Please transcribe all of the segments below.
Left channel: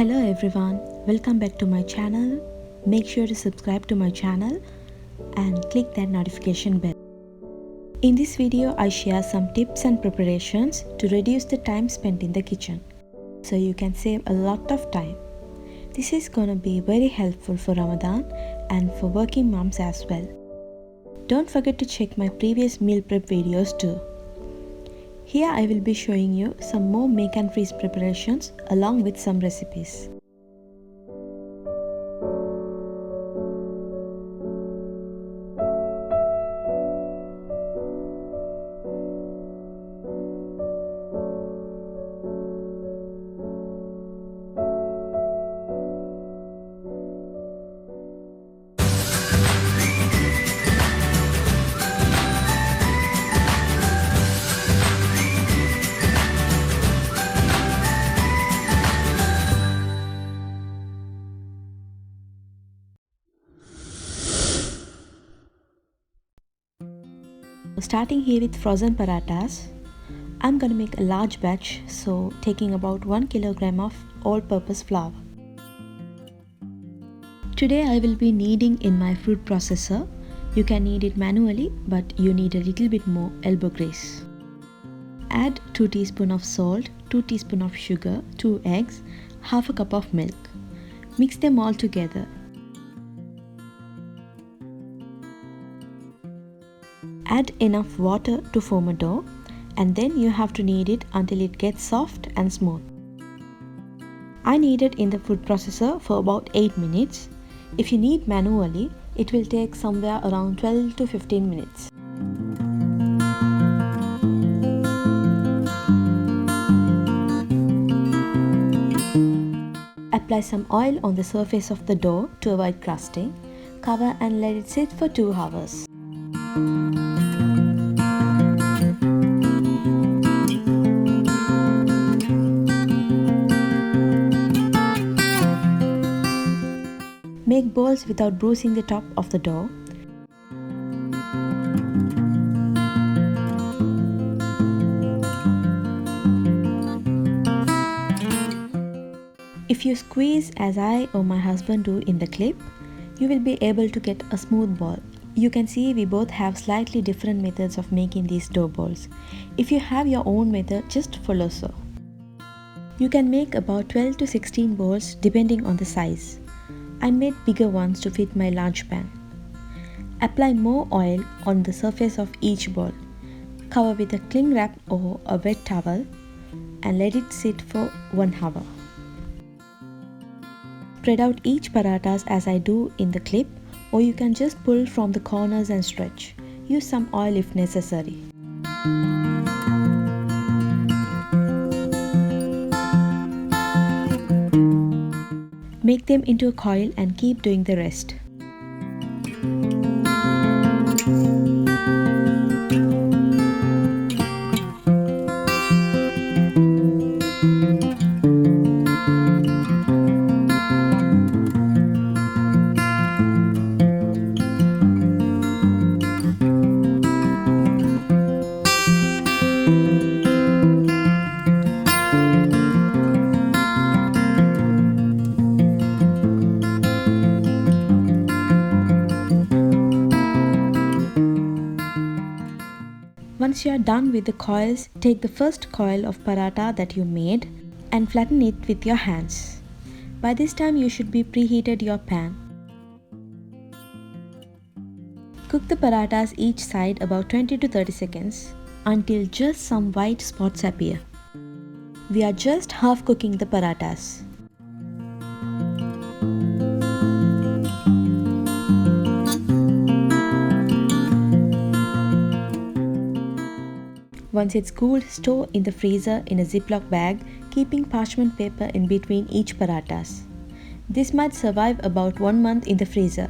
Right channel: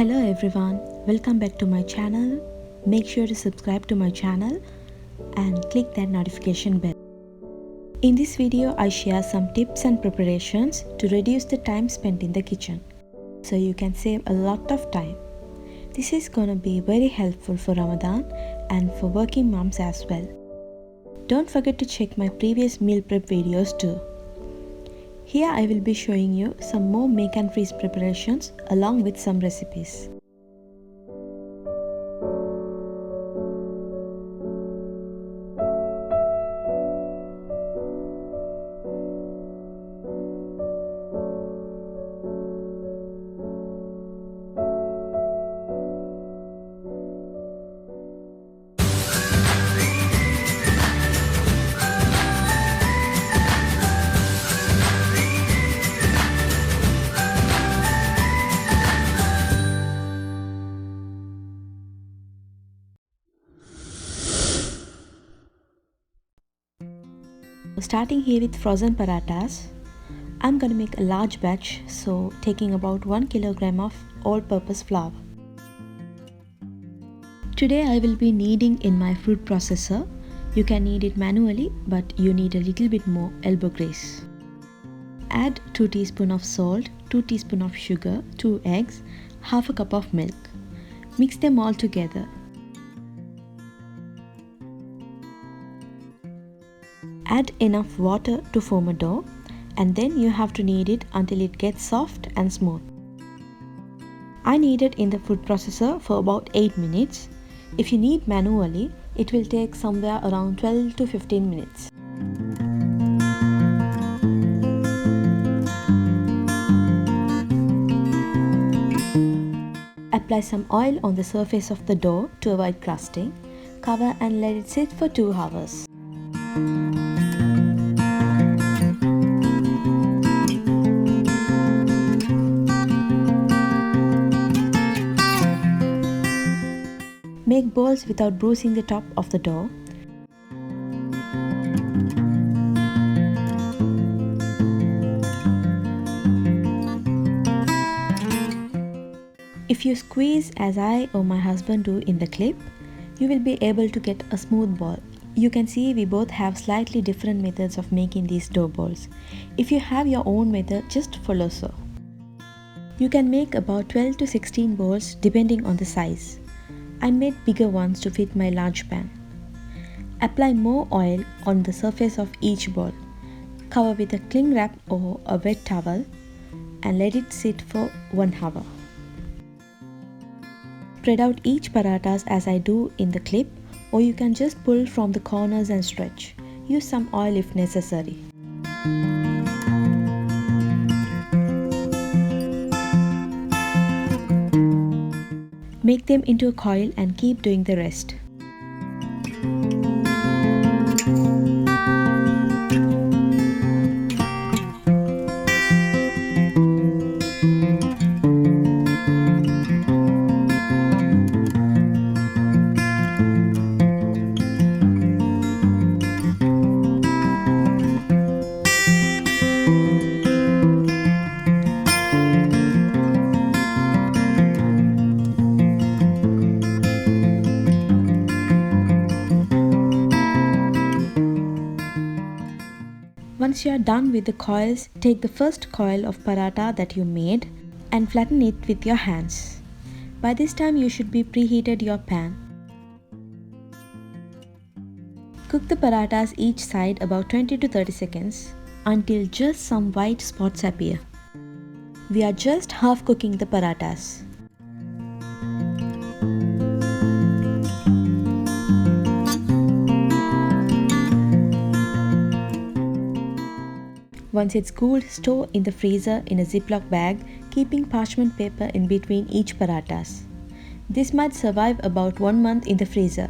Hello everyone, welcome back to my channel. Make sure to subscribe to my channel and click that notification bell. In this video, I share some tips and preparations to reduce the time spent in the kitchen, so you can save a lot of time. This is gonna be very helpful for Ramadan and for working moms as well. Don't forget to check my previous meal prep videos too. Here I will be showing you some more make and freeze preparations along with some recipes. Starting here with frozen parathas, I'm gonna make a large batch, so taking about 1 kilogram of all-purpose flour. Today I will be kneading in my food processor. You can knead it manually, but you need a little bit more elbow grease. Add 2 teaspoons of salt, 2 teaspoons of sugar, 2 eggs, half a cup of milk. Mix them all together. Add enough water to form a dough, and then you have to knead it until it gets soft and smooth. I kneaded in the food processor for about 8 minutes. If you knead manually, it will take somewhere around 12 to 15 minutes. Apply some oil on the surface of the dough to avoid crusting. Cover and let it sit for 2 hours. Make balls without bruising the top of the dough. If you squeeze as I or my husband do in the clip, you will be able to get a smooth ball. You can see we both have slightly different methods of making these dough balls. If you have your own method, just follow so. You can make about 12 to 16 balls depending on the size. I made bigger ones to fit my large pan. Apply more oil on the surface of each ball. Cover with a cling wrap or a wet towel and let it sit for 1 hour. Spread out each parathas as I do in the clip, or you can just pull from the corners and stretch. Use some oil if necessary. Make them into a coil and keep doing the rest. Once you are done with the coils, take the first coil of paratha that you made and flatten it with your hands. By this time you should be preheated your pan. Cook the parathas each side about 20 to 30 seconds until just some white spots appear. We are just half cooking the parathas. Once it's cooled, store in the freezer in a Ziploc bag, keeping parchment paper in between each parathas. This might survive about 1 month in the freezer.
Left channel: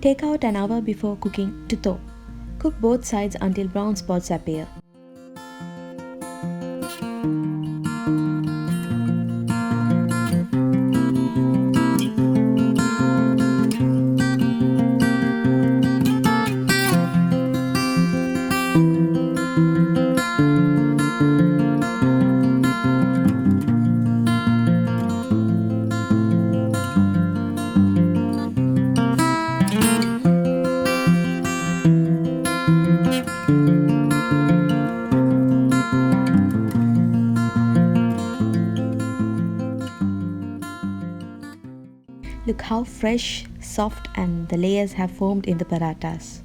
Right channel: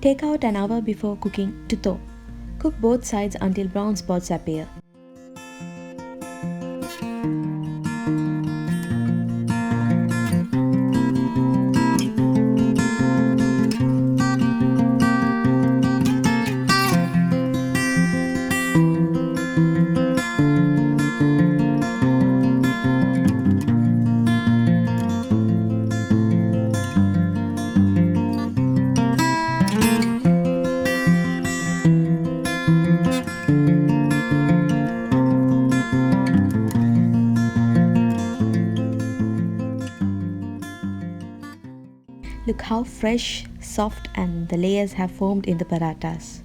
Take out an hour before cooking to thaw. Cook both sides until brown spots appear. Look how fresh, soft and the layers have formed in the parathas.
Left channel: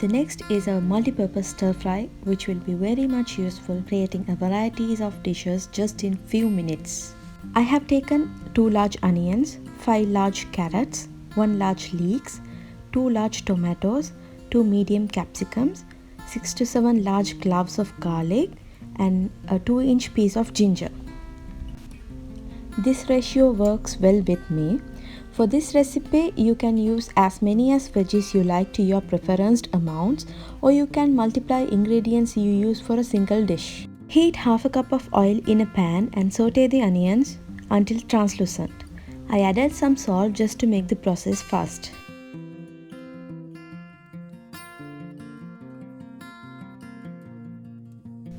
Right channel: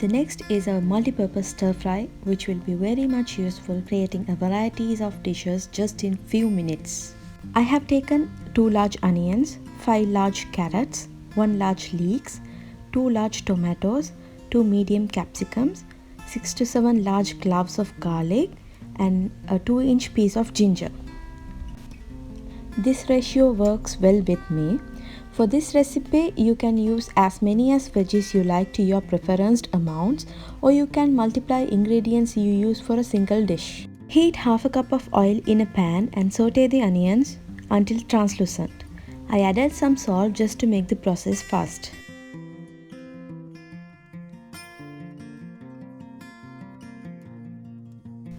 The next is a multi-purpose stir fry, which will be very much useful creating a varieties of dishes just in few minutes. I have taken 2 large onions, 5 large carrots, 1 large leeks, 2 large tomatoes, 2 medium capsicums, 6 to 7 large cloves of garlic and a 2-inch piece of ginger. This ratio works well with me. For this recipe, you can use as many as veggies you like to your preferenced amounts, or you can multiply ingredients you use for a single dish. Heat half a cup of oil in a pan and saute the onions until translucent. I added some salt just to make the process fast.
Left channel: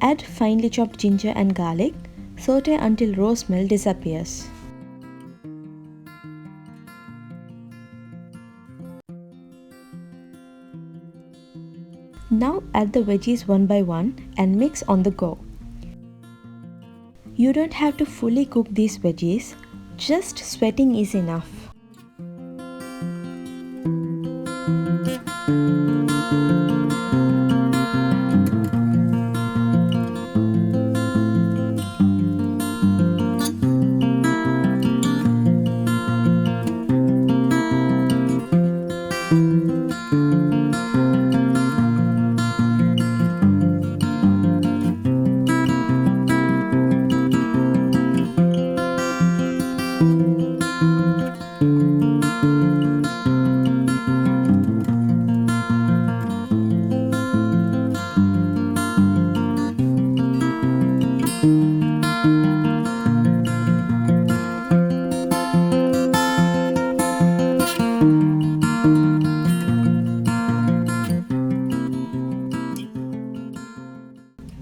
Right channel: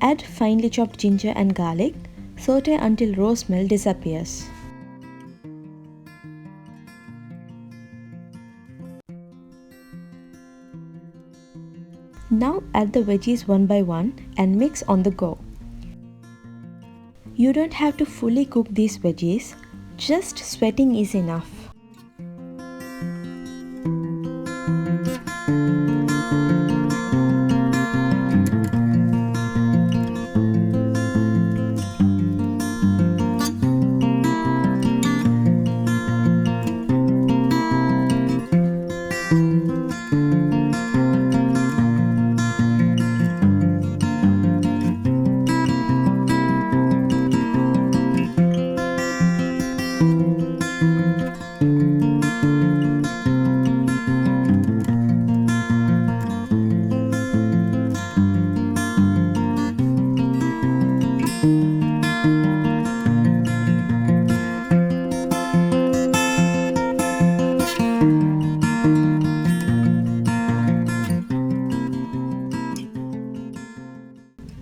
Add finely chopped ginger and garlic. Saute until raw smell disappears. Now add the veggies one by one and mix on the go. You don't have to fully cook these veggies, just sweating is enough.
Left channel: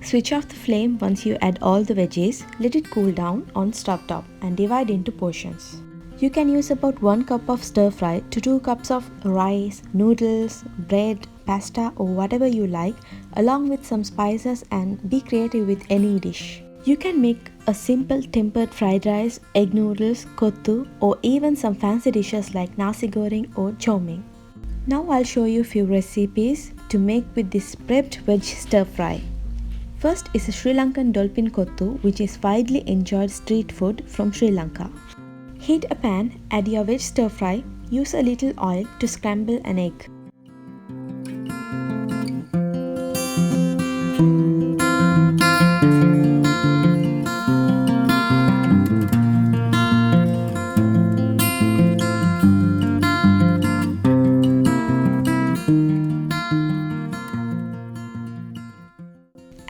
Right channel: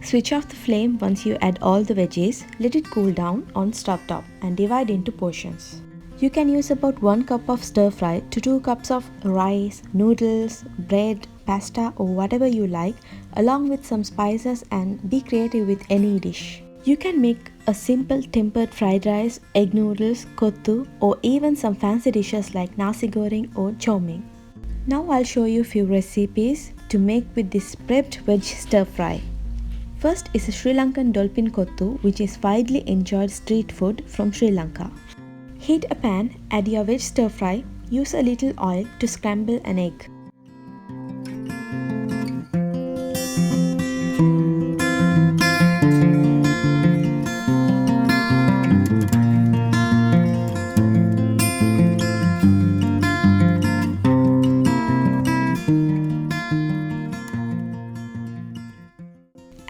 Switch off the flame once you add all the veggies, let it cool down on stove top and divide into portions. You can use about 1 cup of stir fry to 2 cups of rice, noodles, bread, pasta or whatever you like, along with some spices, and be creative with any dish. You can make a simple tempered fried rice, egg noodles, kottu or even some fancy dishes like Nasi Goreng or Charmin. Now I'll show you few recipes to make with this prepped veg stir fry. First is a Sri Lankan Dolphin Kottu, which is widely enjoyed street food from Sri Lanka. Heat a pan, add your veg stir fry, use a little oil to scramble an egg.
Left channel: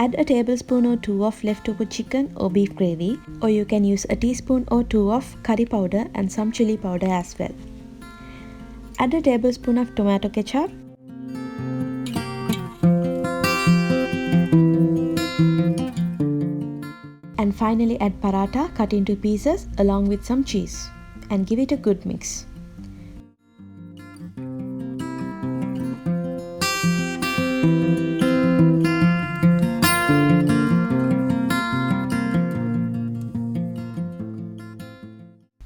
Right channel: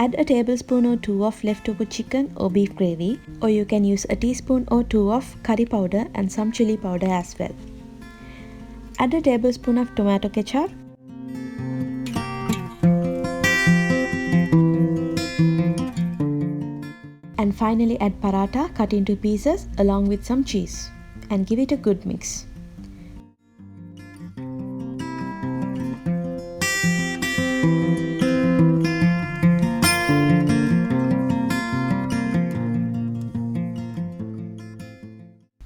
Add a tablespoon or 2 of leftover chicken or beef gravy, or you can use a teaspoon or 2 of curry powder and some chili powder as well. Add a tablespoon of tomato ketchup. And finally add paratha cut into pieces along with some cheese and give it a good mix.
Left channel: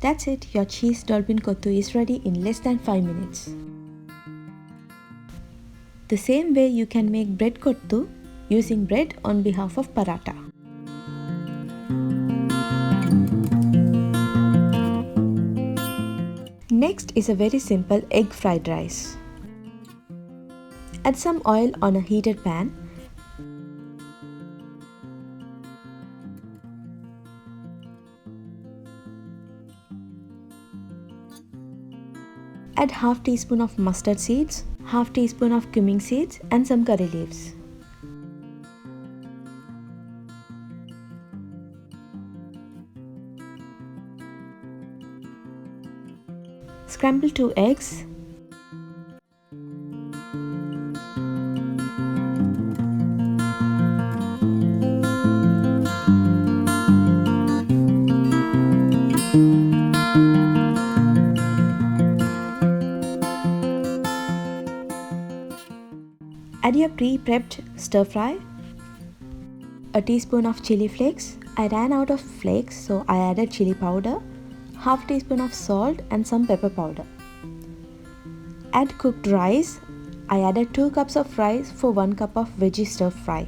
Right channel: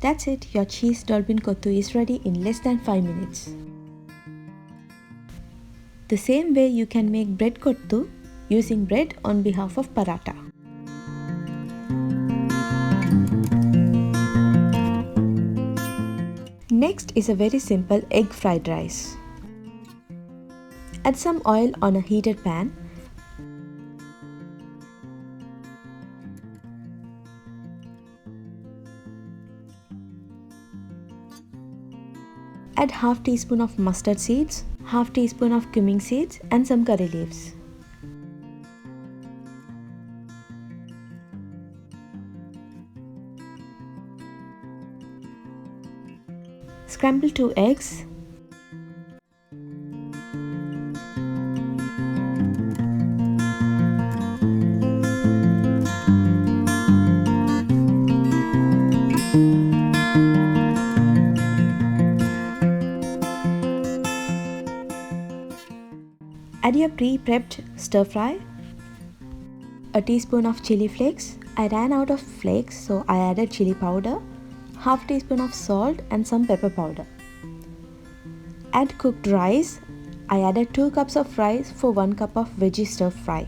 That's it, your cheese Dolphin Kottu is ready in less than 5 minutes. The same way you can make bread kottu using bread on behalf of paratha. Next is a very simple egg fried rice. Add some oil on a heated pan. Add half teaspoon of mustard seeds, half teaspoon of cumin seeds and some curry leaves. Scramble 2 eggs. Add your pre-prepped stir fry. A teaspoon of chili flakes. I ran out of flakes, so I added chili powder, half teaspoon of salt and some pepper powder. Add cooked rice. I added 2 cups of rice for 1 cup of veggie stir fry.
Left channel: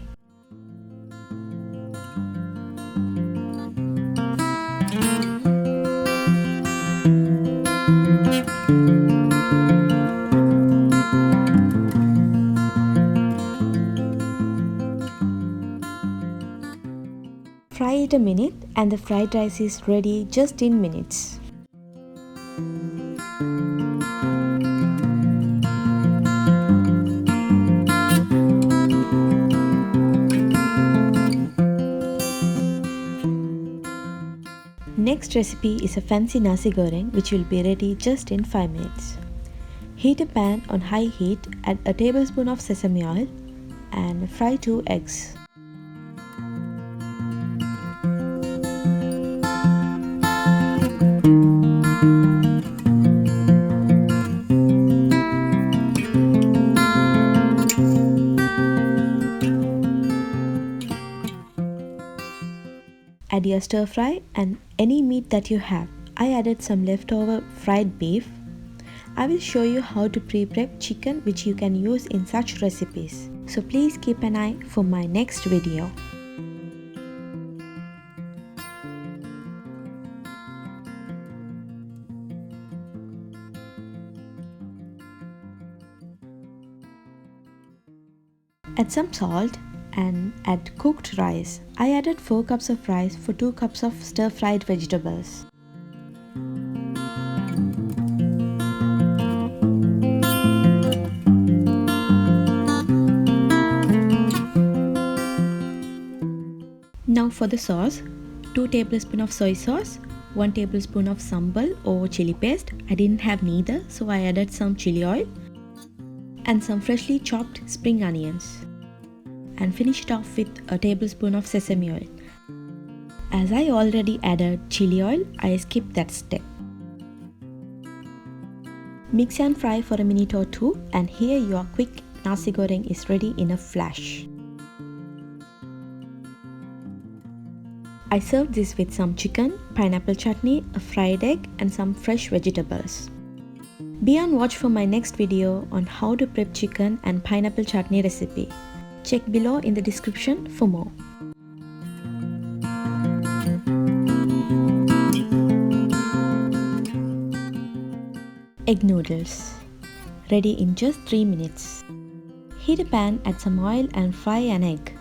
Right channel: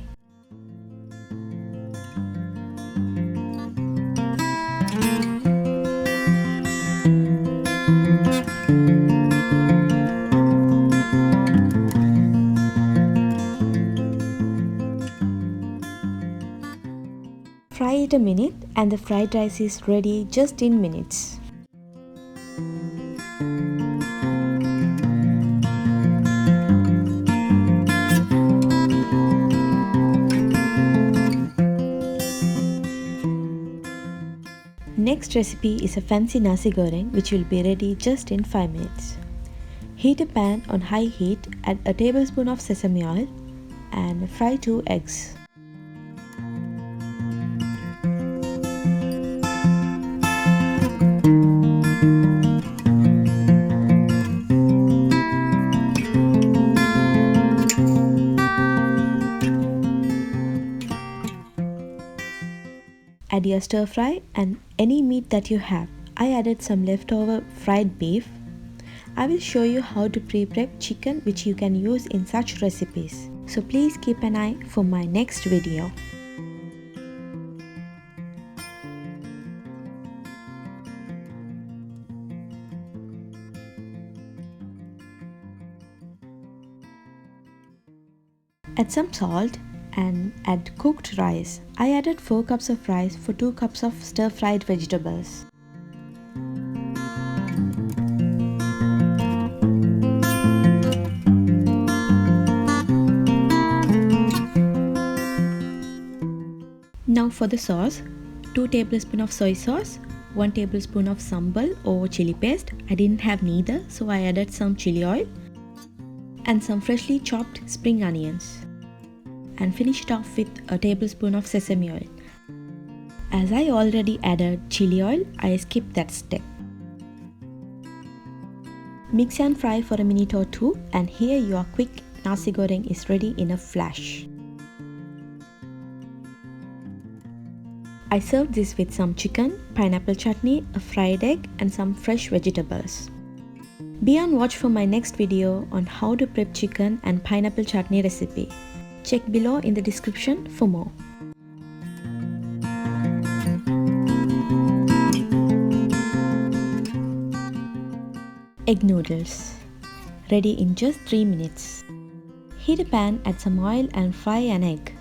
Fry it a minute and the fried rice is ready just in minutes. Next recipe is a fancy Nasi Goreng which will be ready just in 5 minutes. Heat a pan on high heat, add a tablespoon of sesame oil and fry 2 eggs. Add your stir fry and any meat that you have. I added some leftover fried beef. I will show you how to pre-prep chicken which you can use in such recipes. So please keep an eye for my next video. Add some salt and add cooked rice. I added 4 cups of rice for 2 cups of stir-fried vegetables. Now for the sauce, 2 tablespoons of soy sauce, 1 tablespoon of sambal or chili paste. I didn't have neither, so I added some chili oil and some freshly chopped spring onions. And finish it off with a tablespoon of sesame oil. As I already added chili oil, I skipped that step. Mix and fry for a minute or 2 and here your quick Nasi Goreng is ready in a flash. I served this with some chicken, pineapple chutney, a fried egg and some fresh vegetables. Be on watch for my next video on how to prep chicken and pineapple chutney recipe. Check below in the description for more. Egg noodles. Ready in just 3 minutes. Heat a pan, add some oil and fry an egg.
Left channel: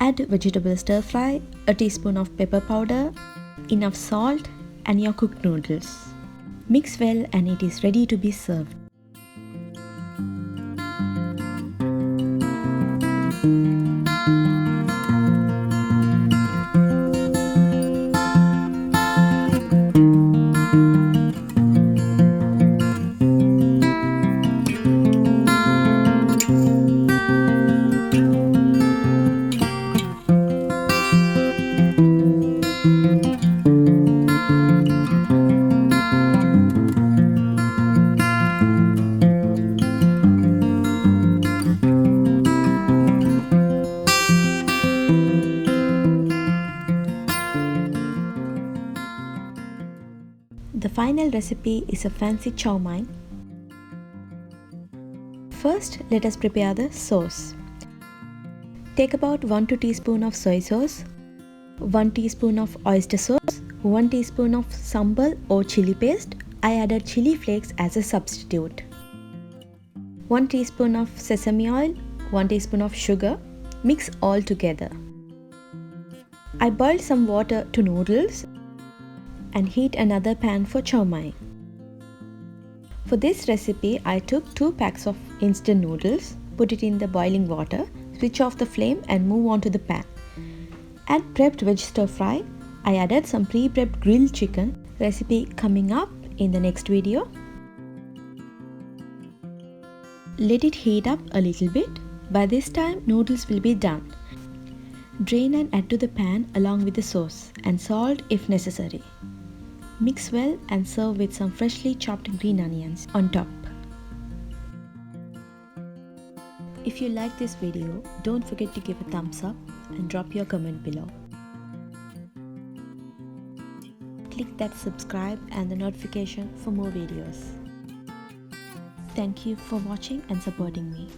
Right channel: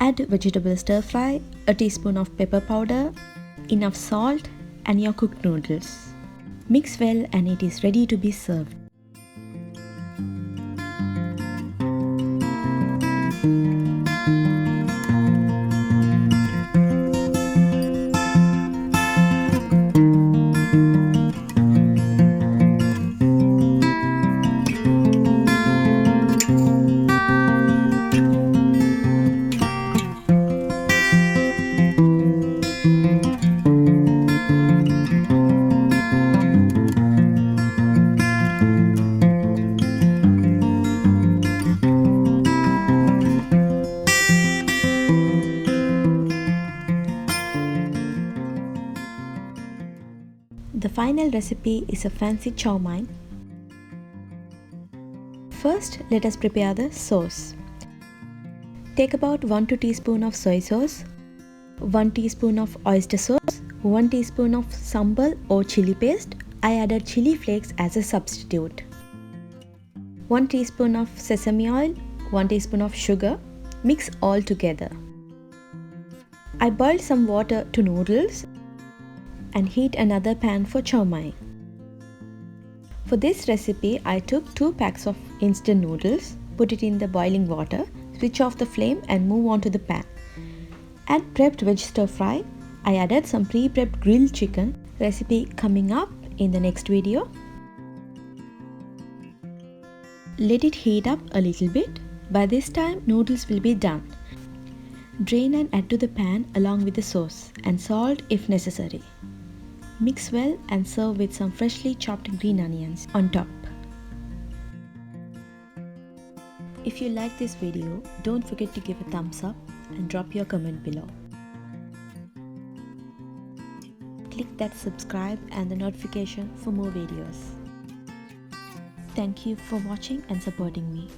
Add vegetable stir fry, a teaspoon of pepper powder, enough salt and your cooked noodles. Mix well and it is ready to be served. The final recipe is a fancy chow mein. First, let us prepare the sauce. Take about 1-2 teaspoons of soy sauce, 1 teaspoon of oyster sauce, 1 teaspoon of sambal or chili paste. I added chili flakes as a substitute. 1 teaspoon of sesame oil, 1 teaspoon of sugar. Mix all together. I boiled some water to noodles and heat another pan for chow mein. For this recipe, I took 2 packs of instant noodles, put it in the boiling water, switch off the flame and move on to the pan. Add prepped veg stir fry. I added some pre-prepped grilled chicken, recipe coming up in the next video. Let it heat up a little bit. By this time, noodles will be done. Drain and add to the pan along with the sauce and salt if necessary. Mix well and serve with some freshly chopped green onions on top. If you like this video, don't forget to give a thumbs up and drop your comment below. Click that subscribe and the notification for more videos. Thank you for watching and supporting me.